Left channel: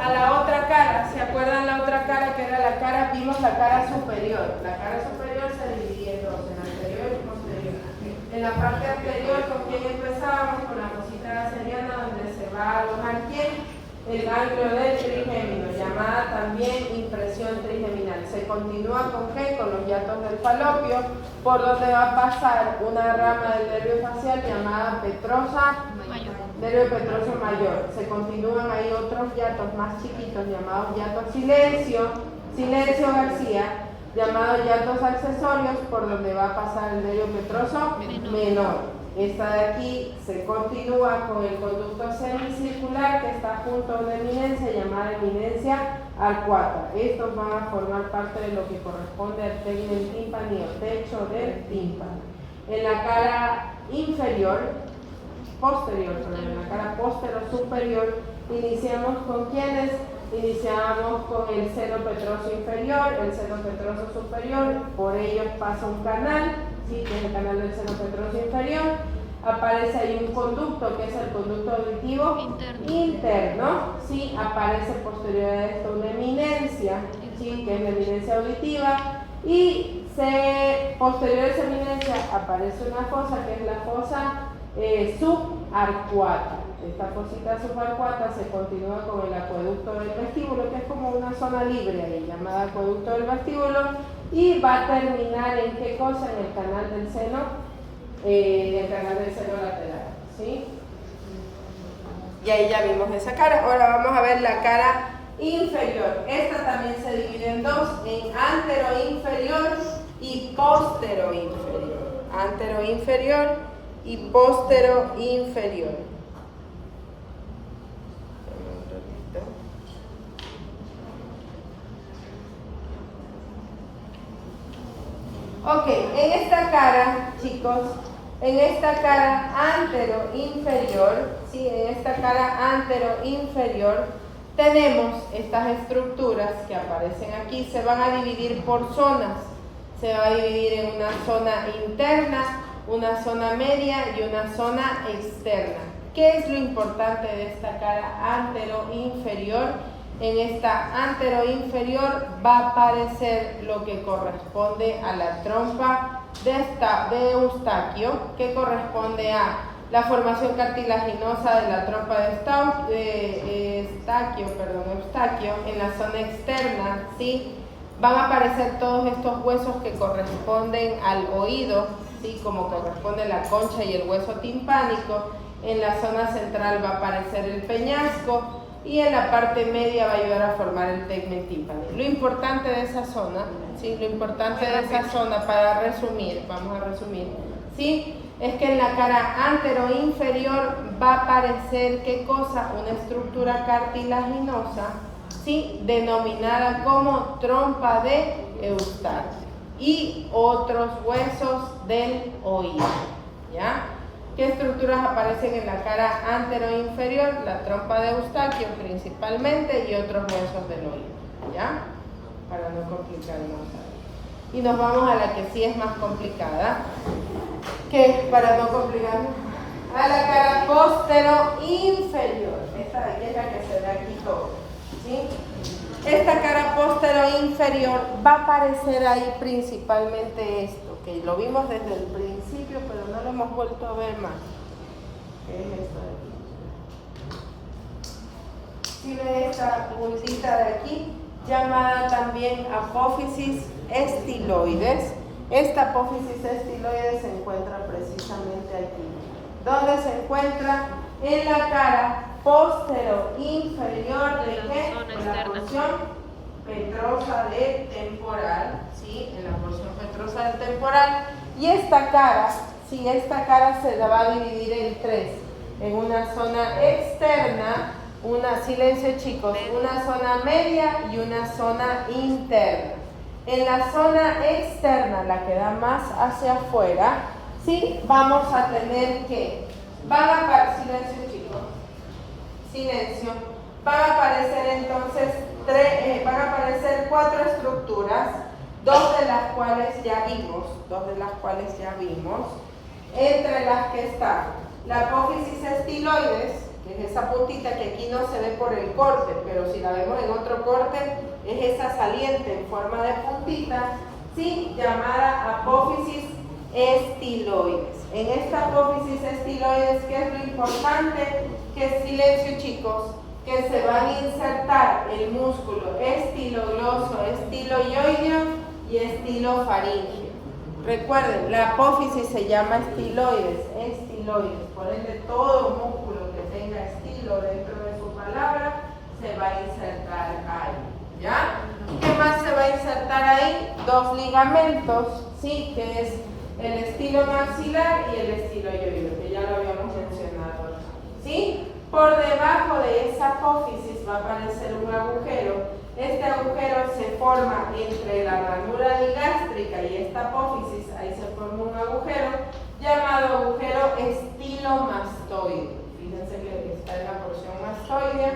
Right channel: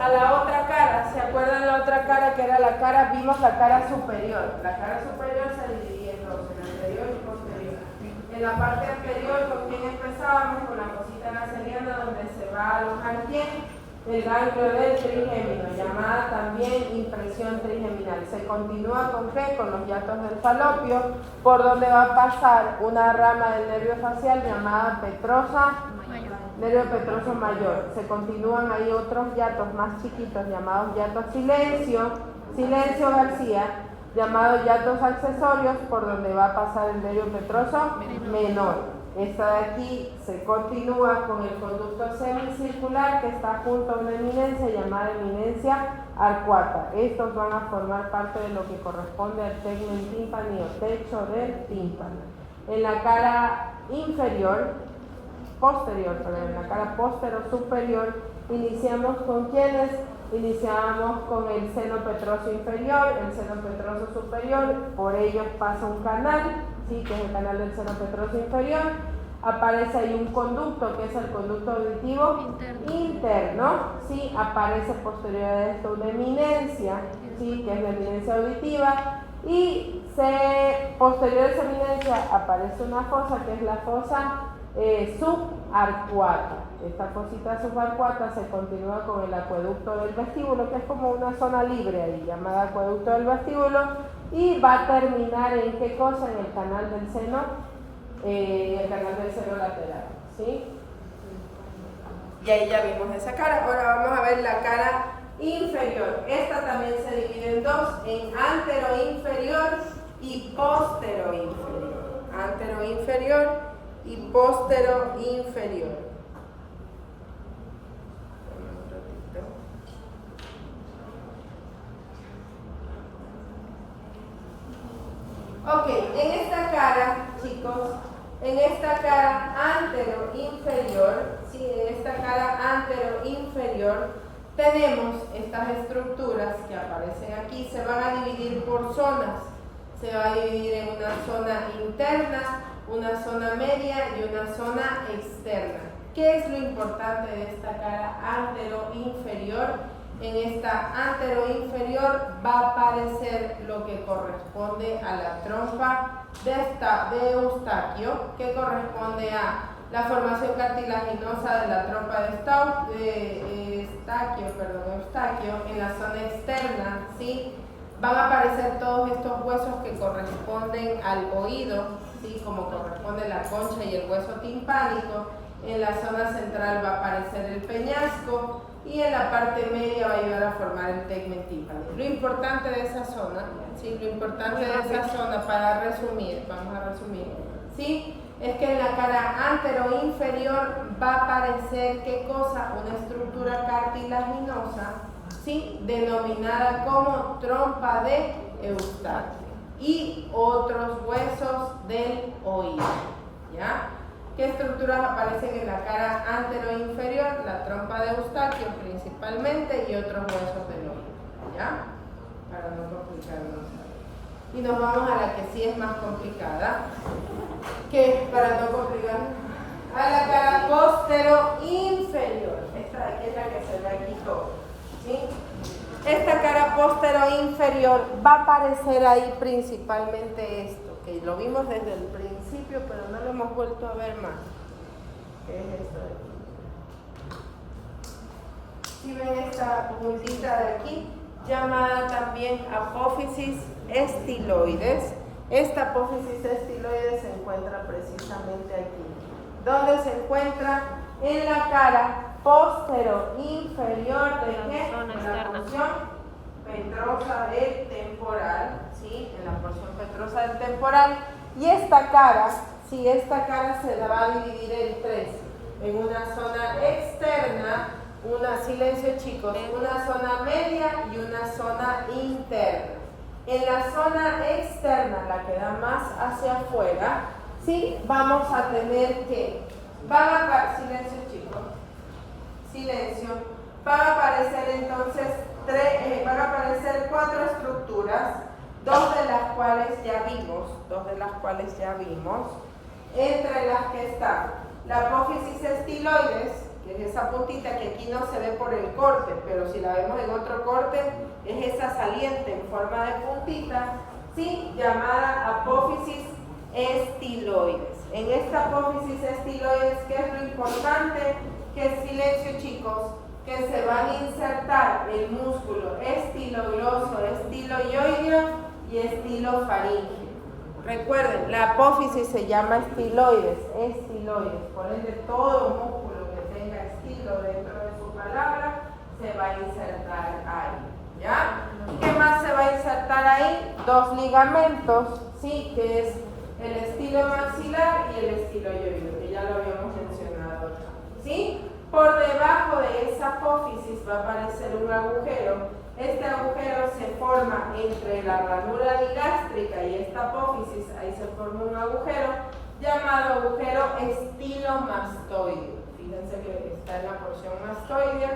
a la otra cara. ¿Se acuerdan la otra cara que era la cara? Vimos la cara superior. La cara superior se dividía en dos, en anterior y posterior. En la parte anterior, ¿con quién empezábamos? Con la cosita naseriana, donde se va a alojar ¿quién? El ganglio del trigémino, llamada también impresión trigeminal. Se continúa ¿con qué? Con los hiatos del falopio, por donde va a pasar una rama del nervio facial llamada petrosa mayor. Nervio petroso mayor. Se continúan ahí otros hiatos más chiquitos llamados hiatos silencio García, llamados hiatos accesorios, por donde va a pasar el nervio petroso menor. Esta de aquí se continúa con el conducto semicircular que está junto a una eminencia llamada eminencia arcuata. Estos van a formar parte de lo que corresponde al tegmen tímpani o techo del tímpano. En la cara posterior, en la cara superior, iniciamos con ¿quiénes? Iniciamos con el seno petroso inferior, el seno petroso superior, por ellos pasa un canal, ¿sí? Que es el canal del seno petroso inferior. Aparece ahí un conducto, que es el conducto auditivo interno, ¿sí? Aparece posterior a esto una eminencia, ¿sí? Que es la eminencia auditiva, y posterior a esa eminencia aparece una fosa, que es la fosa subarcuata. Esta fosita subarcuata se continúa con el acueducto del vestíbulo, que es como una zona libre ahí, llamada acueducto del vestíbulo, y va a terminar en qué cosa? En el canal del seno lateral, ¿sí? Y ahí ya vimos esa cara. Ahora vamos a ver la cara inferior. Esta también se divide en dos, en antero inferior y póstero inferior. Antero inferior y póstero inferior. Ok, en esta cara, chicos, en esta cara antero-inferior, ¿sí? En esta cara antero-inferior tenemos estas estructuras que aparecen aquí, se van a dividir por zonas. Se va a dividir en una zona interna, una zona media y una zona externa. ¿Qué es lo importante de esta cara antero-inferior? En esta antero-inferior va a aparecer lo que corresponde a la trompa de Eustaquio, que corresponde a la formación cartilaginosa de la trompa de Eustaquio en la zona externa, ¿sí? Van a aparecer todos estos huesos que corresponden al oído, ¿sí? Como corresponde la concha y el hueso timpánico. En la zona central va a aparecer el peñasco, y en la parte media va a ayudar a formar el tegmen tímpani. Lo importante de esa zona, ¿sí? Lo importante de esa zona, para resumir, vamos a resumir, ¿sí? Es que en la cara antero-inferior va a aparecer, ¿qué cosa? Una estructura cartilaginosa, ¿sí? Denominada como trompa de Eustaquio, y otros huesos del oído, ¿ya? ¿Qué estructuras aparecen en la cara antero-inferior? La trompa de Eustaquio principalmente y otros huesos del oído, ¿ya? Para no complicarnos. Y nos vamos a la que sí es más complicada, que para no complicarnos, a la cara postero-inferior. Esta de aquí es la que se ve aquí todo, ¿sí? Esta cara postero-inferior va a aparecer ahí principalmente esto, que lo vimos desde el principio, pero no lo hemos vuelto a ver más. ¿Qué es esto de aquí? Si ven esta puntita de aquí, llamada también apófisis estiloides. Esta apófisis estiloides se encuentra precisamente aquí. ¿Dónde se encuentra? En la cara postero-inferior de qué? En la porción petrosa del temporal, ¿sí? En la porción petrosa del temporal. Y esta cara, ¿sí? Esta cara se va a dividir en tres. En una zona externa, silencio chicos, una zona media y una zona interna. En la zona externa, la que da más hacia afuera, ¿sí? Vamos a tener que, silencio chicos, silencio, van a aparecer entonces van a aparecer cuatro estructuras, dos de las cuales ya vimos, entre las que está la apófisis estiloides, que es esa puntita que aquí no se ve por el corte, pero si la vemos en otro corte, es esa saliente en forma de puntita, ¿sí? Llamada apófisis estiloides. En esta apófisis estiloides, ¿qué es lo importante? Que silencio, chicos, que se van a insertar el músculo estilogloso, estiloioideo y estilofaringeo. Recuerden, la apófisis se llama estiloides, por ende todo músculo que tenga estilo dentro de su palabra se va a insertar ahí, ¿ya? ¿Qué más se va a insertar ahí? Dos ligamentos, ¿sí? Que es el estilo maxilar y el estiloioideo, que ya lo habíamos mencionado, ¿sí? Por debajo de esa apófisis va a aparecer un agujero. Este agujero se forma entre la ranura digástrica y esta apófisis, ahí se forma un agujero llamado agujero estilomastoideo. Fíjense que está en la porción mastoidea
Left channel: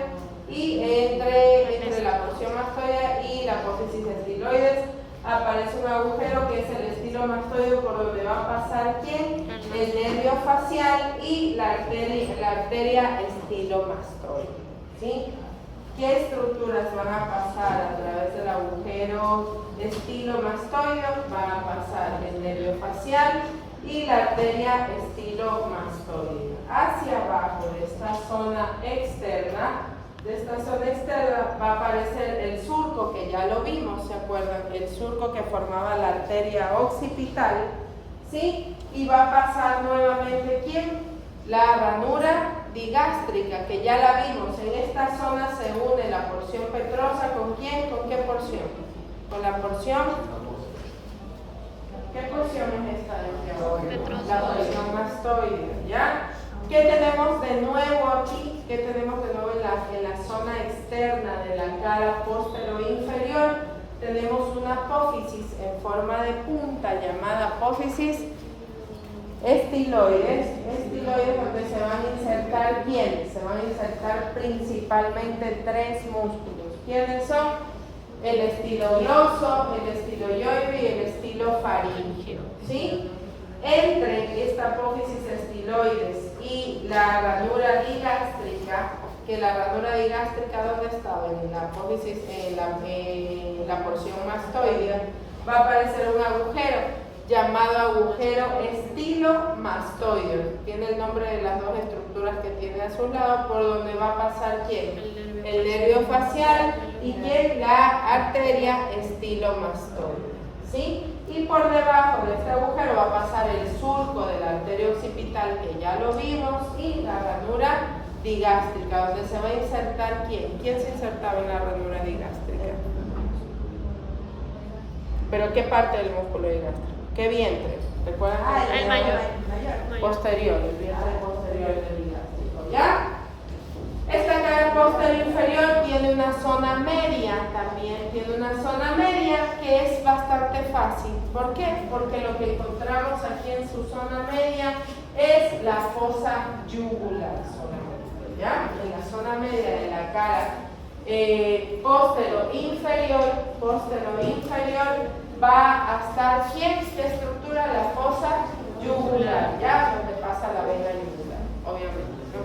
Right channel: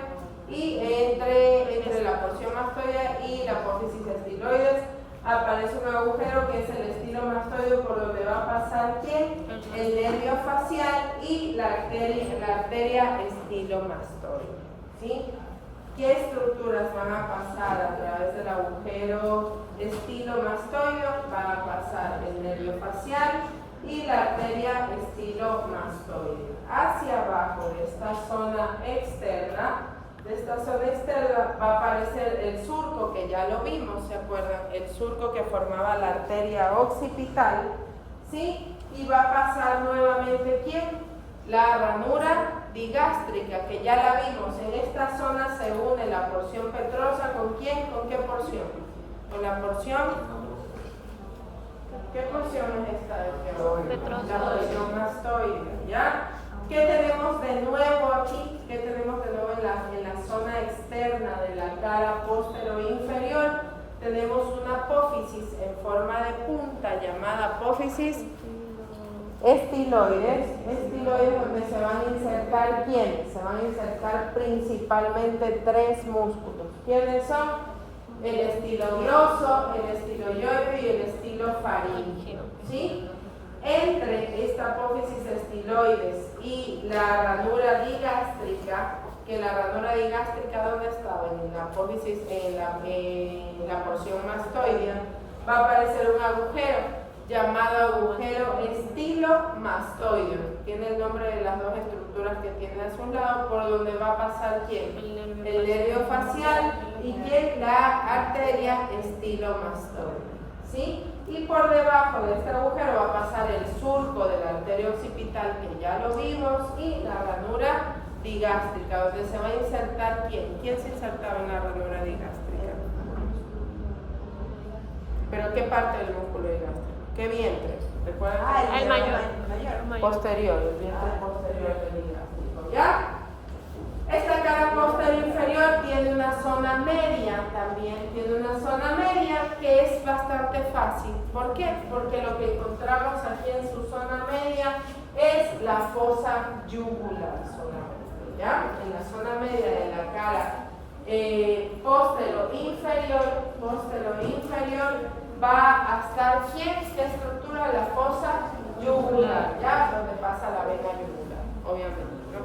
y entre la porción mastoidea y la apófisis estiloides aparece un agujero que es el estilomastoideo, por donde va a pasar ¿quién? El nervio facial y la arteria estilomastoidea, ¿sí? ¿Qué estructuras van a pasar a través del agujero estilomastoideo? Van a pasar el nervio facial y la arteria estilomastoidea. Hacia abajo de esta zona externa, va a aparecer el surco, que ya lo vimos, ¿se acuerdan? El surco que formaba la arteria occipital, ¿sí? Y va a pasar nuevamente ¿quién? La ranura digástrica, que ya la vimos. En esta zona se une la porción petrosa, ¿con quién? ¿Con qué porción? Con la porción. ¿Qué porción es esta de aquí abajo? La porción mastoidea, ¿ya? ¿Qué tenemos de nuevo aquí? ¿Qué tenemos de nuevo en la zona externa de la cara póstero inferior? Tenemos una apófisis en forma de punta llamada apófisis estiloides, donde se van a insertar ¿quiénes? Se van a insertar principalmente tres músculos. ¿Quiénes son? El estilogloso, el estiloioideo y el estilofaringeo, ¿sí? Entre esta apófisis estiloides y la ranura digástrica, que la ranura digástrica ¿dónde estaba? En la apófisis, en la porción mastoidea, va a aparecer un agujero llamado agujero estilomastoideo. Tiene el nombre de las dos estructuras que tiene a su lado, por donde va a pasar ¿quién? El nervio facial y ¿quién? La arteria estilomastoidea, ¿sí? Y por debajo de este agujero va a pasar el surco de la arteria occipital, que ya lo vimos, y la ranura digástrica, donde se va a insertar ¿quién? ¿Quién se insertaba en la ranura digástrica? ¿Pero qué parte del músculo digástrico? ¿Qué vientre? ¿Recuerdan? El mayor. Posterior, el vientre posterior del digástrico, ¿ya? Esta cara posterior inferior tiene una zona media, también tiene una zona media que es bastante fácil. ¿Por qué? Porque lo que encontramos aquí en su zona media es la fosa yugular solamente, ¿ya? En la zona media de la cara póstero inferior, va a estar ¿quién? ¿Qué estructura? La fosa yugular, ¿ya? Donde pasa la vena yugular, obviamente, ¿no?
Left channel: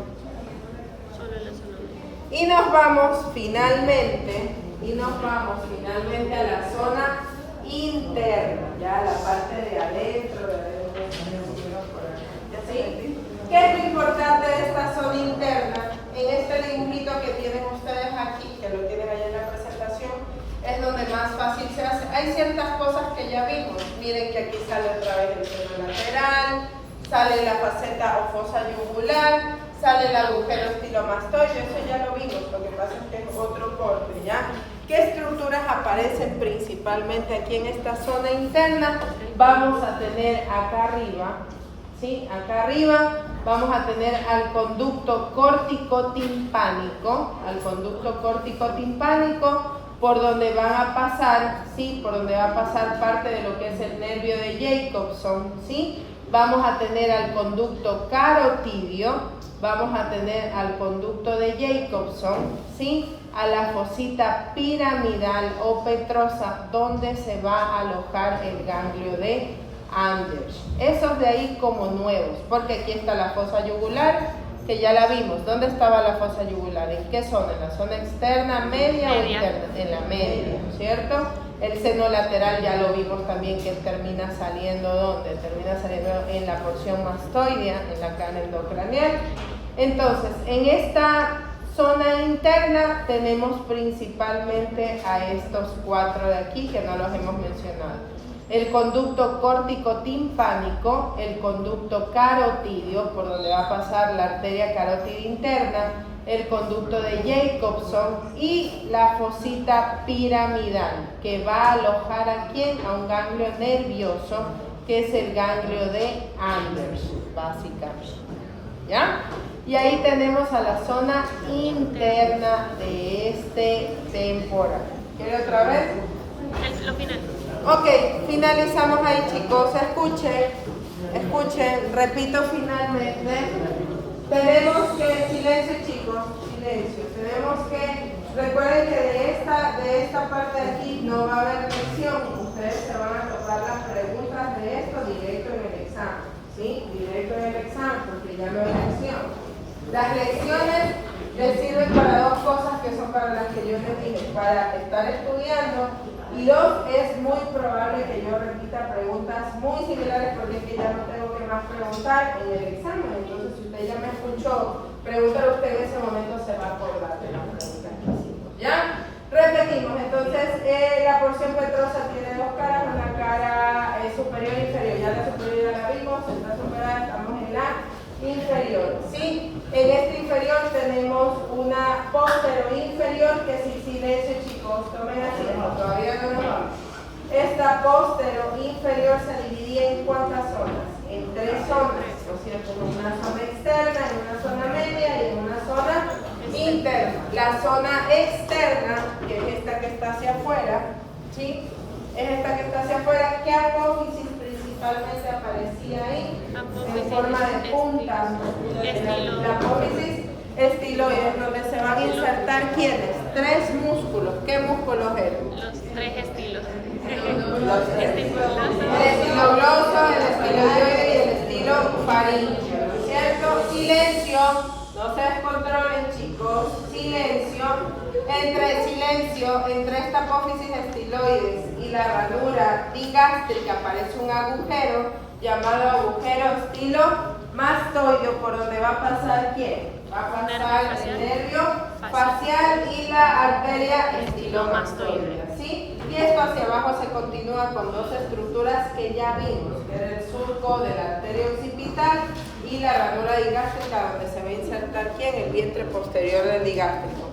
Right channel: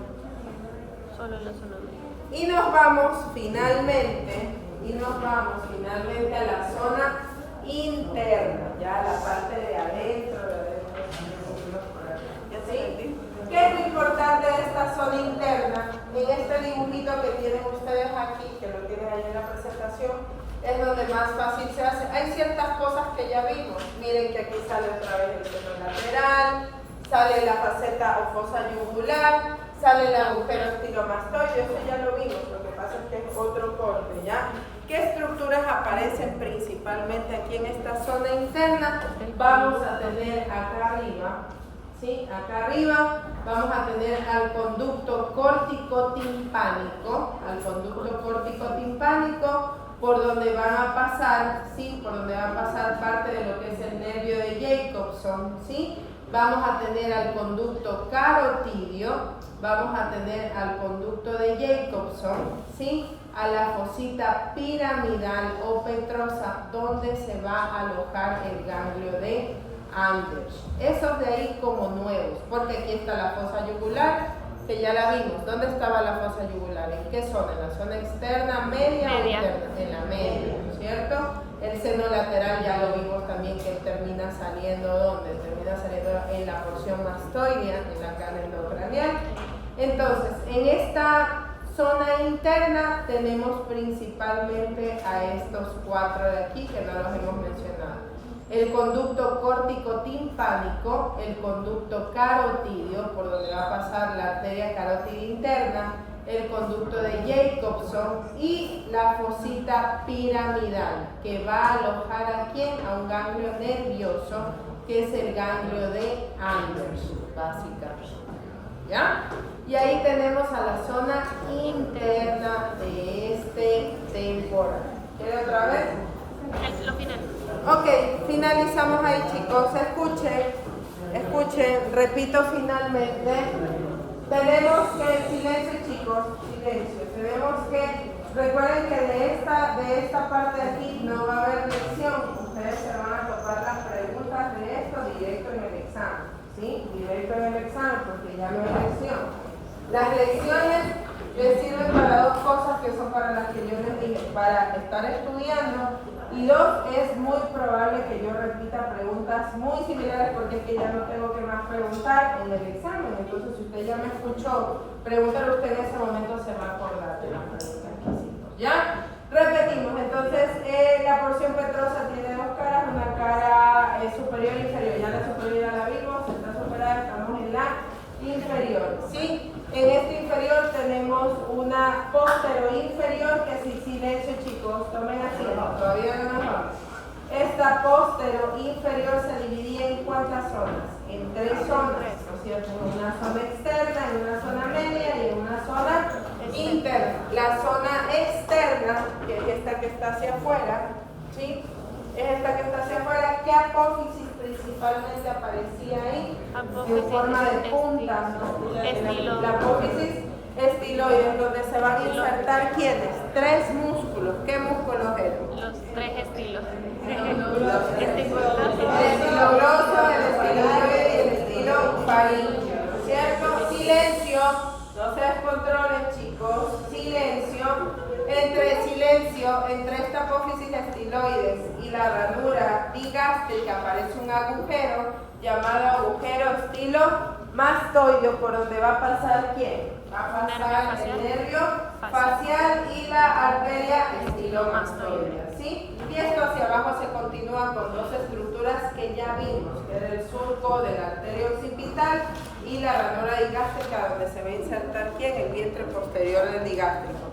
Y nos vamos finalmente a la zona interna, ya la parte de adentro, ¿sí? ¿Qué es lo importante de esta zona interna? En este dibujito que tienen ustedes aquí, que lo tienen ahí en la presentación, es donde más fácil se hace. Hay ciertas cosas que ya vimos. Miren que aquí sale otra vez el seno lateral, sale la faceta o fosa yugular, sale el agujero estilomastoideo, eso ya lo vimos, lo que pasa es que es otro corte, ¿ya? ¿Qué estructuras aparecen principalmente aquí en esta zona interna? Vamos a tener acá arriba, ¿sí? Acá arriba vamos a tener al conducto córtico-timpánico, por donde van a pasar, ¿sí? Por donde va a pasar parte de lo que es el nervio de Jacobson, ¿sí? Vamos a tener al conducto carotidio, vamos a tener al conducto de Jacobson, ¿sí? A la fosita piramidal o petrosa, donde se va a alojar el ganglio de Anders. Esos de ahí como nuevos, porque aquí está la fosa yugular, que ya la vimos. ¿Dónde estaba la fosa yugular? ¿En qué zona? ¿En la zona externa, media o interna? En la media, ¿cierto? El seno lateral ya lo vimos también que termina saliendo, ¿dónde? Termina saliendo en la porción mastoidea, en la cara endocraneal. Entonces, en esta zona interna tenemos principalmente a estos 4 de aquí que no los hemos mencionado. El conducto córtico-timpánico, el conducto carotidio, por donde va a pasar la arteria carótida interna, el conducto de Jacobson y la fosita piramidal, que va a alojar ¿a quién? A un ganglio nervioso, que es el ganglio de Anders, básicamente. ¿Ya? Y ahí tenemos a la zona interna de este temporal. ¿Quiere otra vez? Lo final. Ok, finalizamos ahí, chicos. Escuchen, repito finalmente. Tenemos que, silencio chicos, silencio. Tenemos que, recuerden que de esta parte de aquí no va a haber lección. Ustedes se van a topar las preguntas de esto directo en el examen. ¿Sí? Directo en el examen, porque ya no hay lección. Las lecciones les sirven para 2 cosas que son para las que yo les dije, para estar estudiando, y 2, es muy probable que yo repita preguntas muy similares porque es que ya no tengo que más preguntar en el examen. Entonces, si usted ya me escuchó, pregúntale usted en ese momento, se va a acordar de la pregunta que hicimos. ¿Ya? Repetimos, entonces la porción petrosa tiene 2 caras, una cara superior e inferior. Ya la superior ya la vimos, en la superior estamos en la inferior, ¿sí? En este inferior tenemos una póstero inferior, que si silencio chicos, tomen así, todavía no nos vamos. Esta póstero inferior se dividía en ¿cuántas zonas? En 3 zonas, ¿no es cierto? En una zona externa, en una zona media y en una zona interna. La zona externa, que es esta que está hacia afuera, ¿sí? Es esta que está hacia afuera. ¿Qué apófisis principalmente aparecía ahí? En forma de puntas, ¿no? La apófisis estiloides, donde se van a insertar ¿quiénes? 3 músculos. ¿Qué músculos eran? Los 3 estilos. El estilo gloso, el estiloide y el estilo faríngeo, ¿cierto? Silencio, no se descontrolen chicos, silencio. Entre esta apófisis estiloides y la ranura digástrica aparece un agujero llamado agujero estilomastoideo, por donde va a pasar ¿quién? Va a pasar el nervio facial y la arteria estilomastoidea, ¿sí? Y esto hacia abajo se continúa con 2 estructuras que ya vimos, que era el surco de la arteria occipital y la ranura digástrica, donde se va a insertar ¿quién? El vientre posterior del digástrico.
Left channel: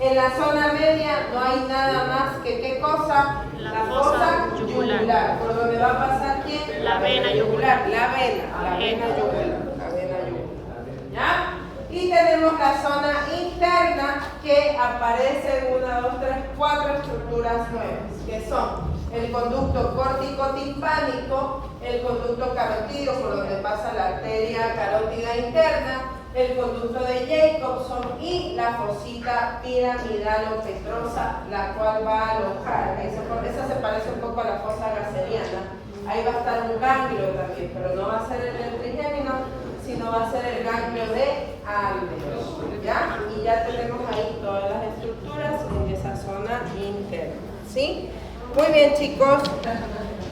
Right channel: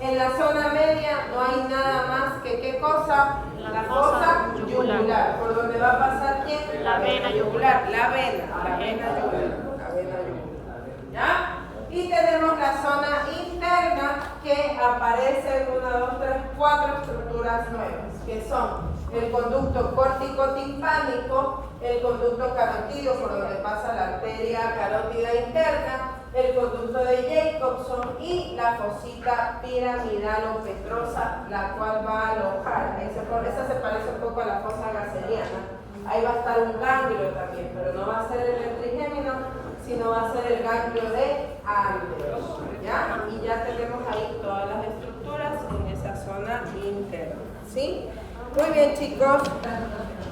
En la zona media no hay nada más que ¿qué cosa? La fosa yugular. ¿Por donde va a pasar quién? La vena yugular. La vena yugular. ¿Ya? Y tenemos la zona interna, que aparecen 1, 2, 3, 4 estructuras nuevas, que son el conducto córtico-timpánico, el conducto carotidio, por donde pasa la arteria carótida interna, el conducto de Jacobson y la fosita piramidal o petrosa, la cual va a alojar. Esa se parece un poco a la fosa gaseriana. Ahí va a estar un ganglio también, pero no va a ser el del trigémino, sino va a ser el ganglio de Anders. ¿Ya? Y ya tenemos ahí todas las estructuras en esa zona interna. ¿Sí? Muy bien, chicos.